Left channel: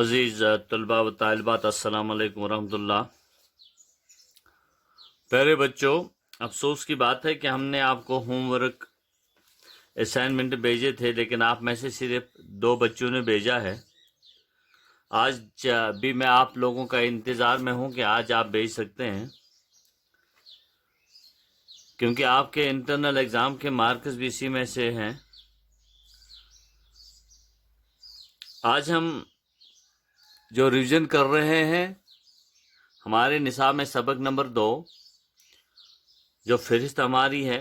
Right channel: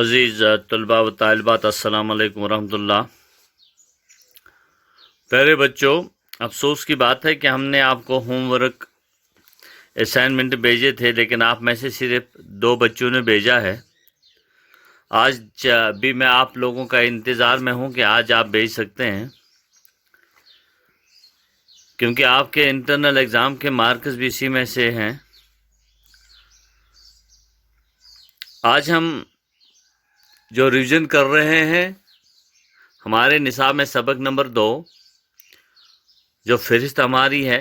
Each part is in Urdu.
عزیز طلباء و طالبات، السلام علیکم ورحمۃ اللہ۔ پیارے بچوں، افسوس کی بات ہے کہ ہم نے آپ کو ہوم ورک اسائنمنٹ بھیجے تھے، لیکن آپ میں سے صرف 2 بچوں نے بھیجا ہے۔ آج بھی میں آپ لوگوں کا انتظار میں ہوں کہ آج آپ بھیج سکتے ہیں، کیونکہ آپ کے انٹرنل ایگزام کے مارکس بھی اسی میں سے ہیں۔ آج ہم جو ریویژن کر رہے ہیں، ہمارے نصاب میں سبق نمبر 2 جو فہرست ہماری ہے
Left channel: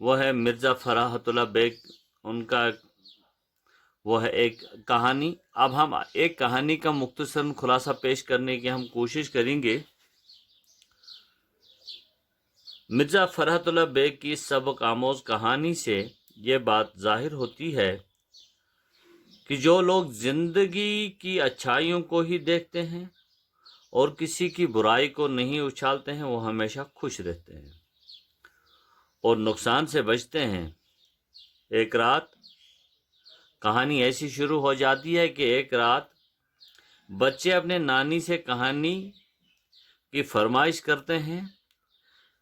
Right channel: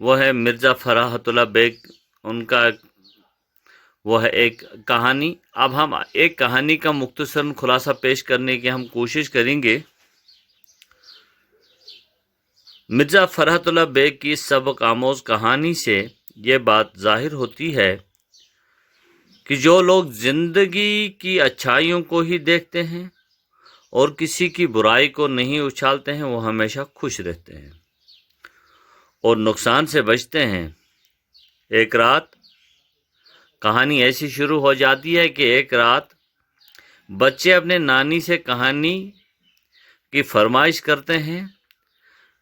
وہ ہے مرزا فراحت اللہ بیگ، ان کا وہ ہے ایک کہانی۔ اب ہم ایک کہانی کا مختصر خلاصہ پیش کرنے کی ہم کوشش کریں گے۔ مرزا فراحت اللہ بیگ کی سبق آموز کہانی سے یہ بات ظاہر ہوتی ہے کہ جو لوگ زندگی کی اچھائیوں کو ہی دیکھتے ہیں اور کسی کی برائی کو نہیں اچھالتے ہیں، وہ ہمیشہ خوش رہتے ہیں اور نقصان سے بچتے ہیں۔ ایک رات کہانی ایسی شروع ہو جاتی ہے کہ ایک رات بچے اپنے نانی سے کہانی کی فرمائش کرتے ہیں۔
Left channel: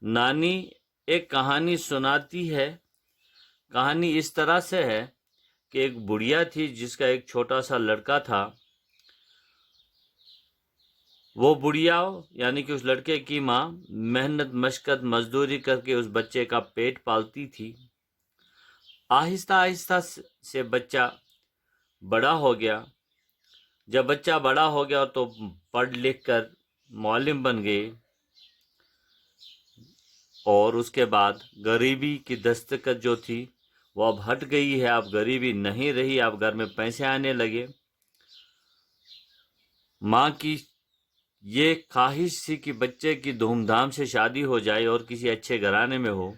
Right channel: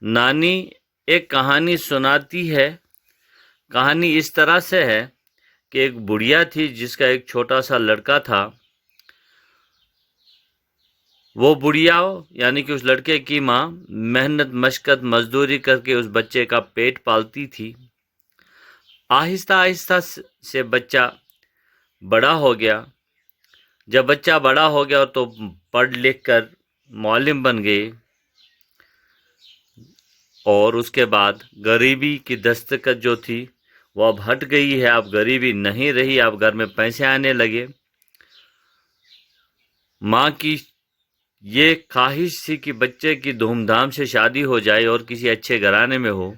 نانی ایک کہانی سناتی ہے۔ کہانی اس طرح سے ہے کہ ایک بڑھیا تھی جس کا ایک چھوٹا سا لڑکا تھا۔ وہ بڑھیا یعنی کہ اس لڑکے کی ماں محنت مشقت مزدوری کر کے اس بچے کا پیٹ پالتی تھی۔ آہستہ آہستہ سے بچہ بڑا ہو گیا۔ جب بچہ بڑا ہو گیا تو پڑھ لکھ کر معلم بن گئے، اور اس کے بعد غریبی کی دستکت جو تھی وہ اب ہٹ گئی ہے۔ اب غریبی نہیں رہی، اب گھر میں پیسے آنے لگے۔ ماں کی یہ خواہش تھی کہ بچے کی دھوم دھام سے شادی ہو جائے اور کسی اچھے گھرانے میں ہو،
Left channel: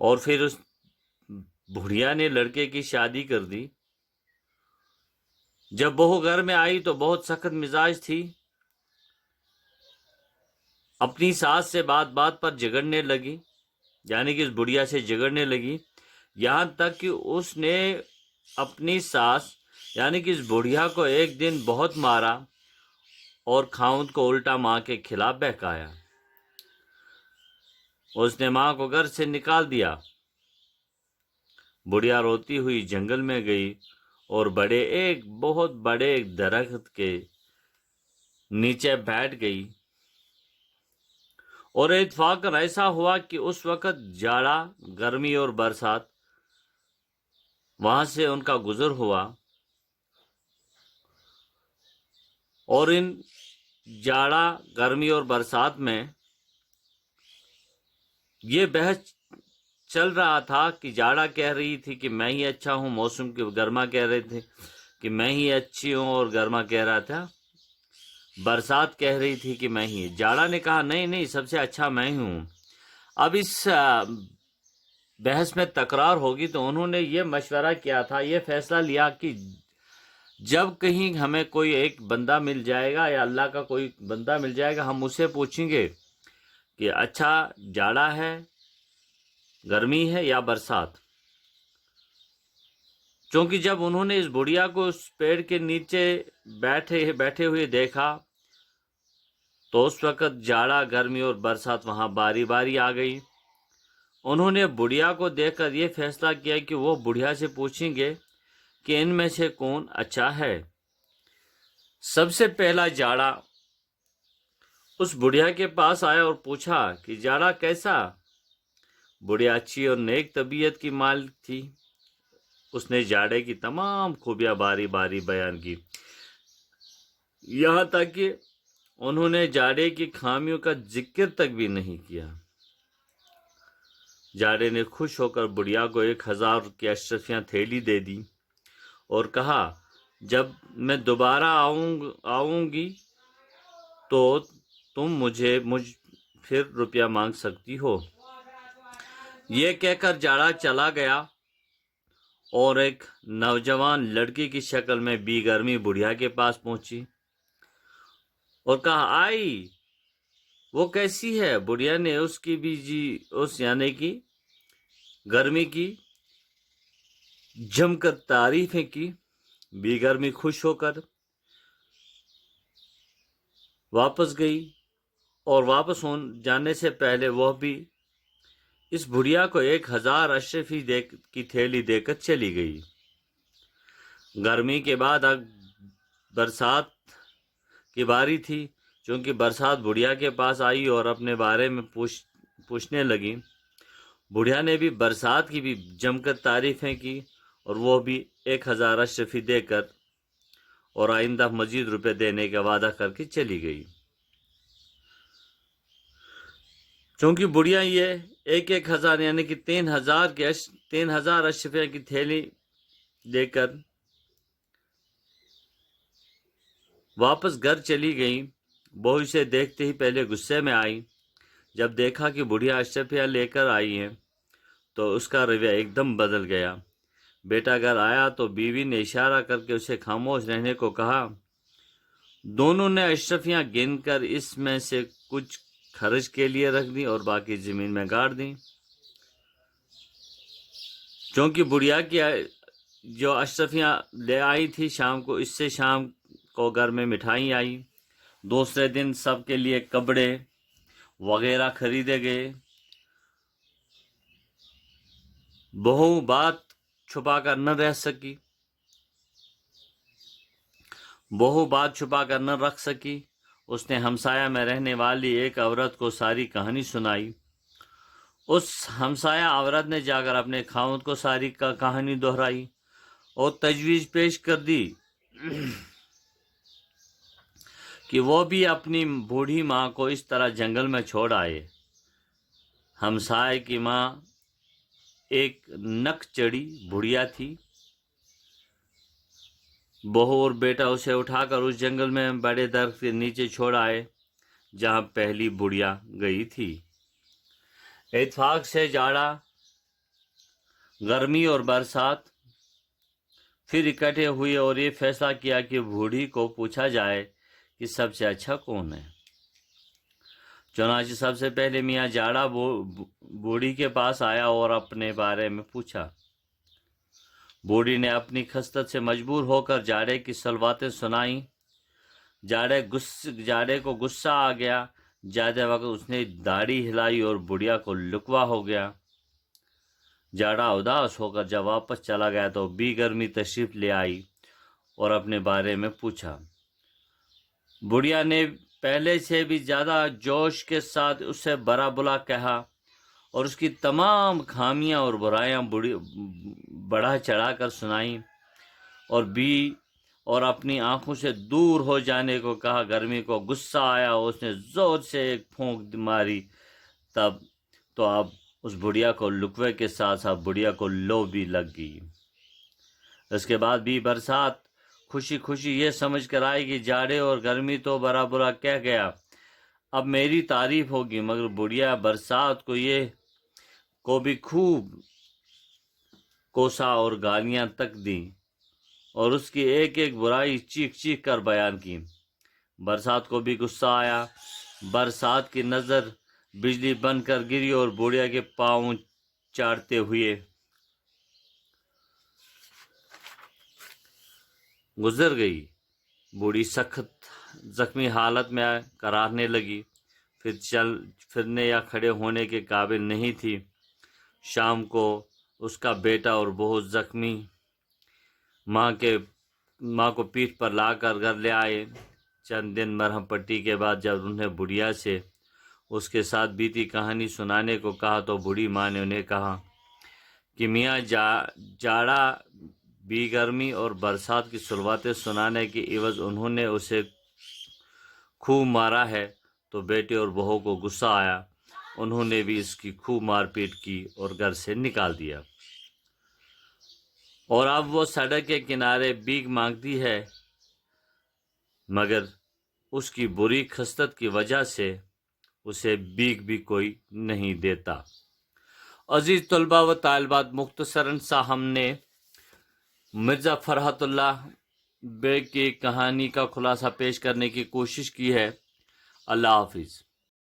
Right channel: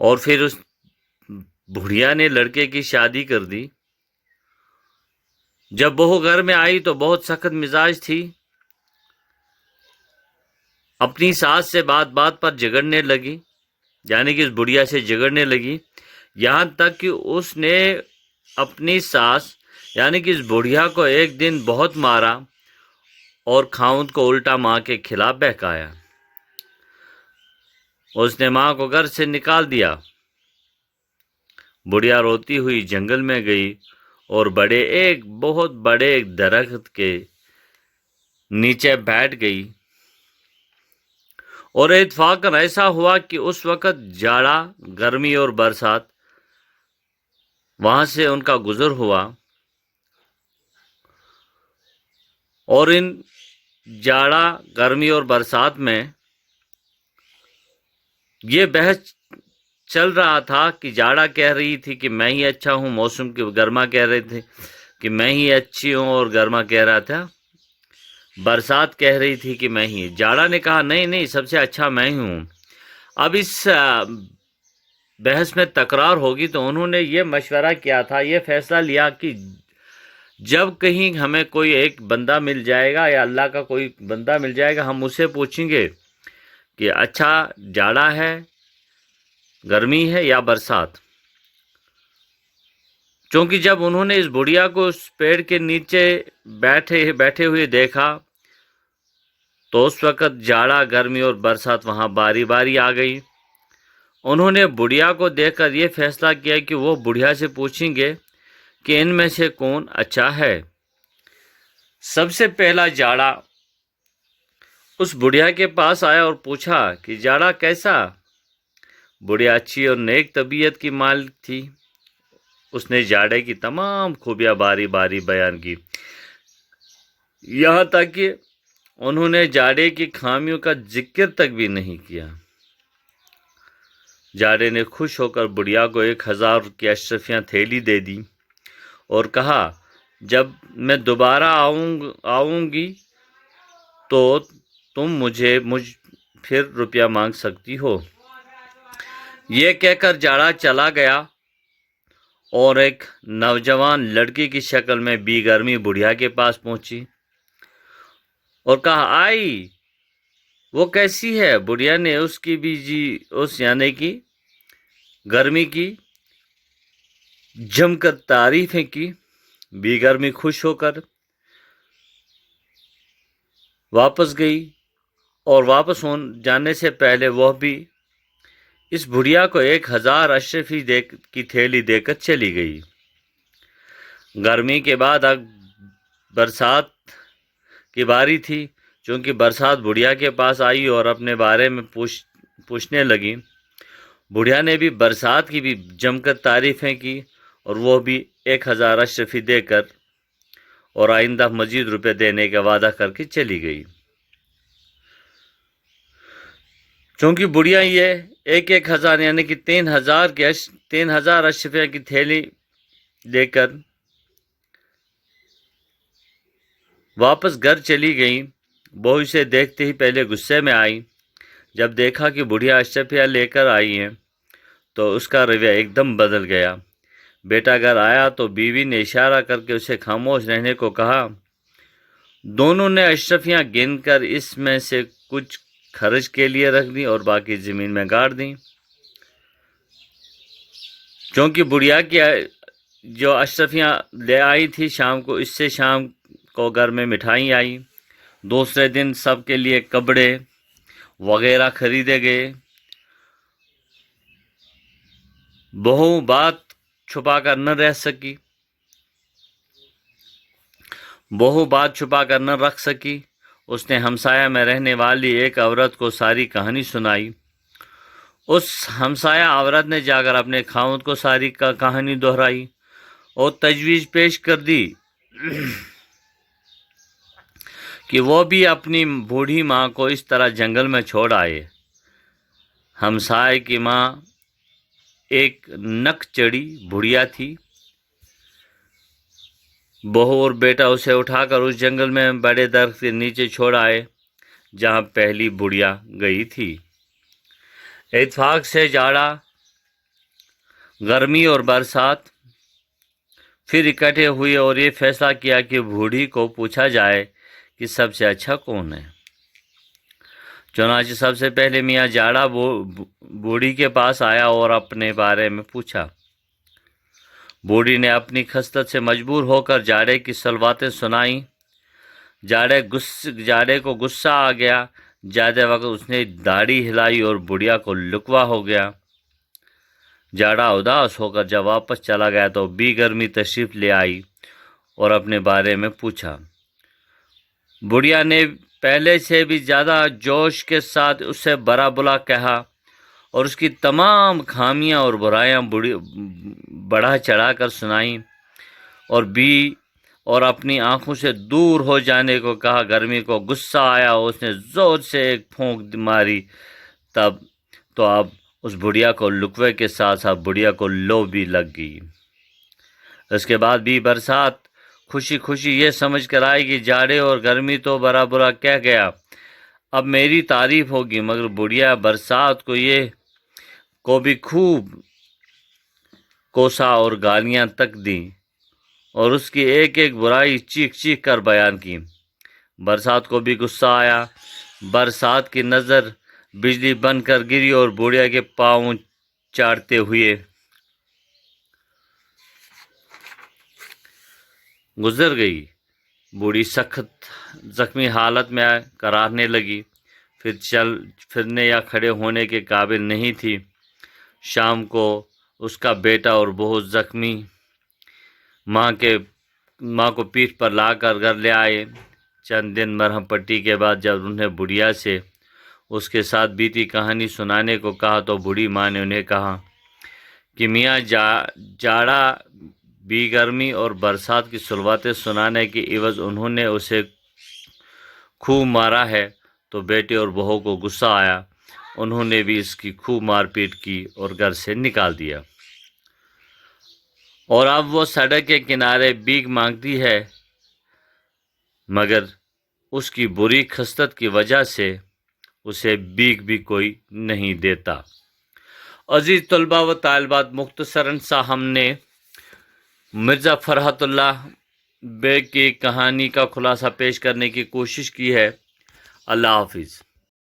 اور پھر اس بڑھیا نے لڑکے کی شادی کر دی۔ جب بہو گھر میں آئی تو بہت سخت مزاج تھی، اپنی ساس سے بات بات پر جھگڑنے لگی، یعنی کہ اس بڑھیا سے جھگڑنے لگی، یہاں تک کہ اس نے اپنی ساس یعنی کہ اس بڑھیا کو ایک دن بہت مارا اور خاوند کو الٹا ماں کے خلاف بہکایا۔ اس نے ماں کو گھر سے نکال دیا۔ بڑھیا روتی ہوئی جنگل میں گئی اور بہت بڑے ایک درخت کے نیچے بیٹھ گئی، اور اتفاقاً ایسا ہوا کہ اس وقت جاڑا، گرمی اور برسات وہاں سے ان کا گزر ہوا، اور ان جاڑا، گرمی اور برسات میں یہ بحث چل رہا تھا کہ جاڑا کہہ رہی تھی کہ میں ہی اچھا ہوں، موسم کی گرما کہہ رہے تھے کہ میں ہی اچھی ہوں، اور گرما کہہ رہا تھا، برسات کہہ رہی تھی کہ میں ہی۔ جاڑا نے کہا نہیں، سب سے اچھا میں ہی ہوں۔ اب اس بحث میں تکرار ہوگی، تو انہوں نے یہ مشورہ کیا تھا، یہ فیصلہ لیا کہ جب کہیں ہمیں کوئی ایک بندہ مل جائے گا یا اللہ کا کوئی بندہ مل جائے گا، ہم اسے پوچھیں گے کہ اچھا جاڑا ہے، گرمی ہے یا برسات۔ چونکہ جب انہوں نے اس بڑھیا کو اس پیڑ کے نیچے بیٹھے ہوئے دیکھا تو اس وقت جاڑا، گرمی اور برسات وہاں باری باری آ گئی۔ انہوں نے بڑھیا کو دیکھ کر یہ فیصلہ کیا کہ وہ بڑھیا سے پوچھیں گے کہ ان میں سے کون اچھا ہے۔ سب سے پہلا جاڑا اس بڑھیا کے پاس آیا اور پوچھا کہ جاڑا کیسا؟ بڑھیا اچھی اور نیک طبیعت کی مالک تھی۔ اس نے جاڑے کی تمام خوبیاں باری باری بیان کی، یہاں تک کہ انہوں نے جاڑے کی خامیوں کا ذکر تک بھی نہیں کیا۔ جاڑے نے خوش ہو کر بڑھیا کو 1000 کی اشرفیاں تھیلی دے دی اور کہا جب میں دوبارہ آؤں گی تو تم مجھ پھر روپیہ مانگ سکتی ہو۔ یہ کہہ کر جاڑا چلا گیا اور ایک نوجوان لڑکی کی شکل میں بی گرمی بڑھیا کے پاس پہنچی اور کہا آئی، وہ کیسی ہے؟ بڑھیا نے اس کی یعنی کہ گرمی کی جم کر تعریفیں کی۔ بی گرمی خوش ہو کر واپس گئی اور واپس جانے سے پہلے وہ بھی اس بڑھیا کو 1000 اشرفی کی تھیلی دے کر چلی گئی۔ گرمی کے بعد اب برسات کی باری تھی۔ چونکہ برسات بڑھیا کے پاس آئی اور اپنے بارے میں پوچھنے لگی۔ بڑھیا نے بھی برسات کی بھی جم کر تعریفیں کی اور وہ بھی 1000 اشرفی دے کر اور آئندہ مزید روپے دینے کا وعدہ کر کے چلی گئی۔ چونکہ بڑھیا یہ 1000 یعنی کہ 3000 اشرفیہ کی تھیلی لے کر واپس گھر چلی گئی، بہو اسے دیکھتے ہی پہلے غصے میں آئی۔ جب دیکھا کہ بڑھیا اشرفیہ لے کر آئی ہیں تو اس کا رویہ ایک دم بدل گیا۔ بیٹا گھر آیا تو بیوی نے اشارہ کر کے اسے خاموش رہنے کو کہا۔ دونوں نے اشرفیاں گن کر اس میں سے کچھ خرچ کے لیے رکھ دیں اور باقی زمین میں گاڑ دیں۔ چونکہ بڑھیا کی جو اشرفیاں لے آئی تھی شام کو، اس سے شام کو گھر میں مٹھائی آئی۔ دوسرے دن سب کے لیے کپڑے وغیرہ خریدے گئے۔ بہو بات چھپا کر نہ رکھ سکی۔ اس نے ہمسایہ میں رہنے والی ایک عورت کو ساری کہانی سنائی۔ اس ہمسایہ عورت نے جا کر اپنے خاوند کو ساری کہانی دہرائی اور تجویز پیش کر دی کہ وہ بھی اپنی بوڑھی ماں کو اس طرح جنگل میں چھوڑ آئے۔ ہمسائے کی ماں ایک نک چڑی بڑھیا تھی۔ بہو اور بیٹا اسے اٹھا کر اس جنگل میں بڑے درخت کے نیچے چھوڑ آئے جہاں پہلی بڑھیا گئی تھی۔ اتفاق سے جاڑا، گرمی اور برسات پھر اکٹھے ہوئے اور یہ فیصلہ کیا کہ بوڑھی کو پوچھا جائے کہ سب سے اچھا کون ہے۔ چنانچہ سب سے پہلے میاں جاڑا بوڑھی کے پاس آیا اور اپنے بارے میں پوچھا۔ بوڑھی نے اپنی خستت سے مجبور ہو کر جاڑے کی صلواتیں سنائیں۔ جاڑے کو غصہ آ گیا۔ جاتے وقت اس نے داڑھی ہلائی اور بڑھیا کو لکوا ہو گیا۔ جاڑا اداس ہو کر جب واپس چلا گیا تو بی گرمی تشریف لے آئی اور اپنے بارے میں پوچھا۔ بڑھیا نے پہلے سے بھی زیادہ جوش کے ساتھ اس سے برا بلا کہا اور اس کی تمام خامیاں اور برائیاں بڑھا چڑھا کر سنائیں اور اپنی آنکھوں سے دور ہو جانے کو کہا۔ گرمی کو غصہ آیا اور اس نے زور سے ایک پھونک ماری۔ اب اس بڑھیا کو لکوے کے ساتھ ساتھ بڑھیا کو لو بھی لگ گئی۔ اس کے بعد بھی برسات خوشی خوشی یہ سمجھ کر آئی کہ جاڑے اور گرمی تو برا برا کہہ گیا، اب میری تعریف ہوگی، مگر بڑھیا برسات کو بھی خوب کوسا اور گالیاں تک دیں اور اس کی ایک ایک برائی چیخ چیخ کر بیان کی۔ برسات کو بھی غصہ آیا۔ برسات کی نظر بجلی بن کر گری اور بڑھیا کے پاؤں چاٹتے ہوئے گزر گئی۔ بوڑھی سخت زخمی حالت میں کراہنے لگی، پھر پھرنے یا کھڑے ہونے کے قابل نہیں تھی۔ شام کو اس کا بیٹا اور بہت زخمی ماں کو پیٹھ پر لا کر گھر لے آئے۔ چند دن مرہم پٹی کے بعد جب انہیں بڑھیا سے اس کے ساتھ بیتی کہانی سنانے کو کہا تو بوڑھی ماں نے انہیں کہا کہ میاں جاڑا بی گرمی اور برسات کی صلواتیں سنانے کے عوض انہوں نے اسے خوب مارا ہے، تو بیٹے اور بہو کو غصہ آیا۔ انہوں نے بھی اس کی خوب مار پیٹ کی اور گھر سے نکال دیا، اور اب وہ سڑک کے کنارے بھیک مانگتی ہے، مگر اس کی بری خصلت کی وجہ سے اسے بھیک بھی کوئی نہیں دیتا۔ عزیز طلباء و طالبات، مختصراً سا ہم نے مرزا فرحت اللہ بیگ کی کہانی کا خلاصہ پیش کرنے کی کوشش کی ہے۔ اللہ حافظ۔